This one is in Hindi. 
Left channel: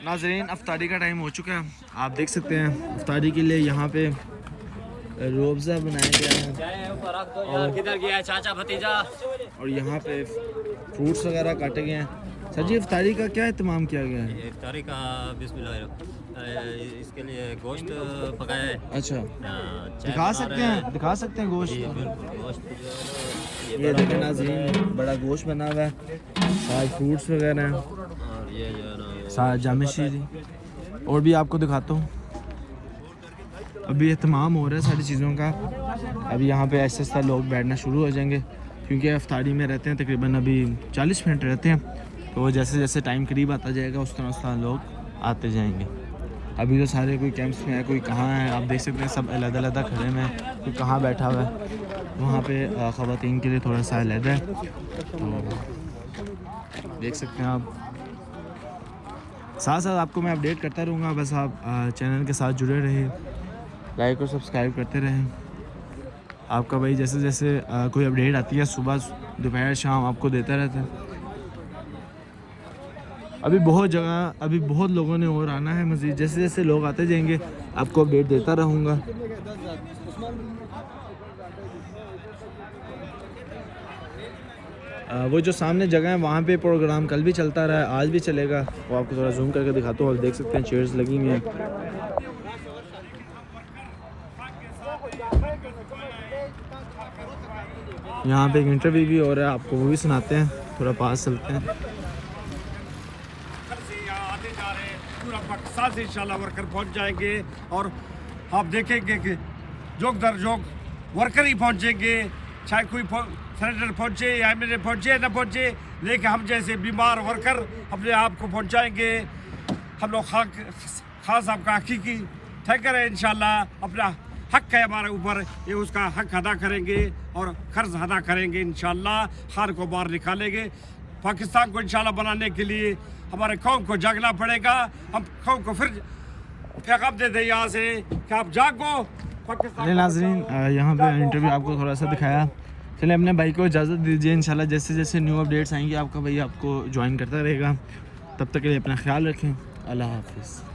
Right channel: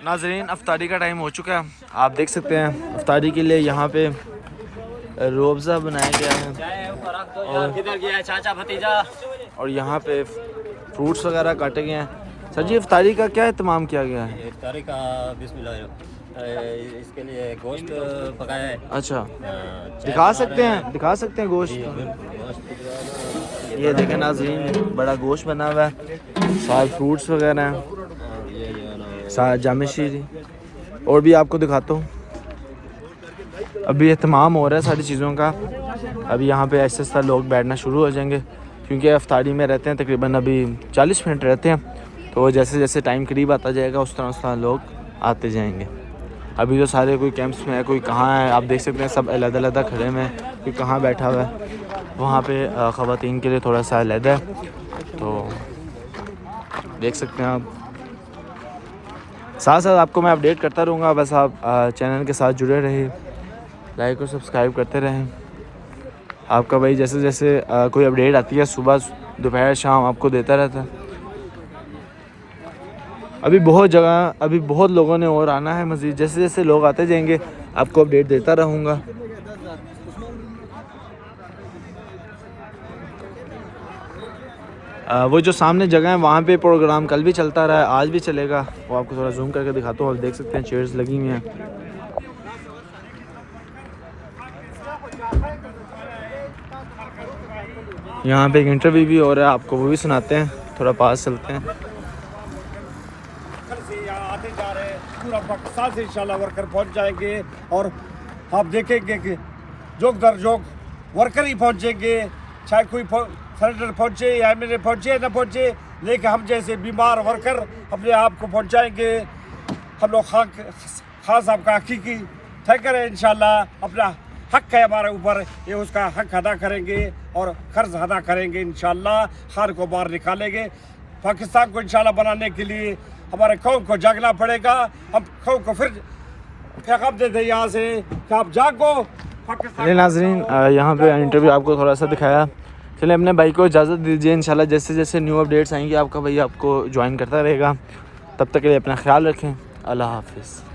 नाज़रीन अफ्तारी का टाइम हो चुका है। आप देख सकते हैं अफ्तारी के लिए यहाँ पे रोबज़ा बनाया गया है चाचा भतीजा और यहाँ पे फ्रूट्स वगैरह काटे गए हैं। सर जी अफ्तारी का क्या एहतमाम किया गया है? इफ्तारी का बिस्मिल्लाह, इसके लिए गोश्त पकाया है। अच्छा, दिखा सकते हैं गोश्त? ये देखें नाज़रीन, बड़ा गोश्त बना हुआ है, साथ फ्रूट्स वगैरह हैं और ये जो है ना साथ जामे शीरी। और भी आपको दिखाता हूँ। अभी एहतमाम हो रहा है सारी चीज़ों का। अभी यहाँ पे ऐसे ऐसा लोग बैठना शुरू हो जाएंगे क्योंकि अफ्तारी में रहते हैं तकरीबन अभी 40 मिनट रहते हैं। तो जैसे जैसे टाइम करीब आता जाएगा उस तरह लोग आते जाएंगे। अभी तो सारे कोई कैंप्स में है, कोई कहाँ है, आप देख सकते हैं सब अलग-अलग खड़े में, कोई कहाँ बैठा हुआ है। वहाँ पे ख़वातीन के लिए थोड़ा सा अलग है, तो देख सकते हैं आप। साथ साथ आपको मैं अपडेट करता रहूँगा, बस आप चैनल के साथ जुड़े रहिए, लाइक और सब्सक्राइब करते रहें। आपका भाई जैसे जैसे कोई अपडेट आती है सुबह दोपहर शाम आपको देता रहता है। अभी बहुत लोगों ने और आना है मज़ीद। जैसे जैसे लोग आते जाएंगे आपको अपडेट देता रहूँगा। वो जो सामने जगह है वहाँ पे प्रोग्राम कल भी चलता रहा है, आज भी चलेगा। वो आपको थोड़ा जूम करके दिखाता हूँ। आप देख सकते हैं चेयर्स लगी हुई हैं। यहाँ पे एक इंटरव्यू भी हो रहा है, आपको वो भी सुनाते हैं। थोड़ा पास चलते हैं। आते जा रहे हैं, पूरा पाकिस्तान से इंशाल्लाह वर्कर पहुंच जाएंगे और आप देखेंगे कि जोक दर जोक वर्कर ही पहुंचेंगे, चाहे कोई सेनेटर पहुंचे या एमएलए पहुंचे ना पहुंचे, लेकिन हम जैसे बीमार वर्कर अपने आप को पहुंचाएंगे। हम लोग खास आपका हकीकी ठेकर है, इंशाल्लाह अपना हक है हमारे ऊपर, ये उसका हक अदा करेंगे और कर्ज अदा करेंगे। इंशाल्लाह खान को बाहर निकालेंगे। पाकिस्तान को इंशाल्लाह बनाने के लिए हमारे कौम को जागना पड़ेगा। हम कौम को फिर पैगाम दे दें यहाँ से कि आप जागो। चलिए नाज़रीन, यहाँ पे इंटरव्यू आपको थोड़ा सा दिखाया। चलिए अपने भाई को इजाज़त दीजिए। इंशाल्लाह जैसे जैसे न्यू अपडेट्स आएंगे आपका भाई आपको ज्वाइन करता रहेगा। तब तक के लिए अपना ख्याल रखें। अल्लाह हाफिज़।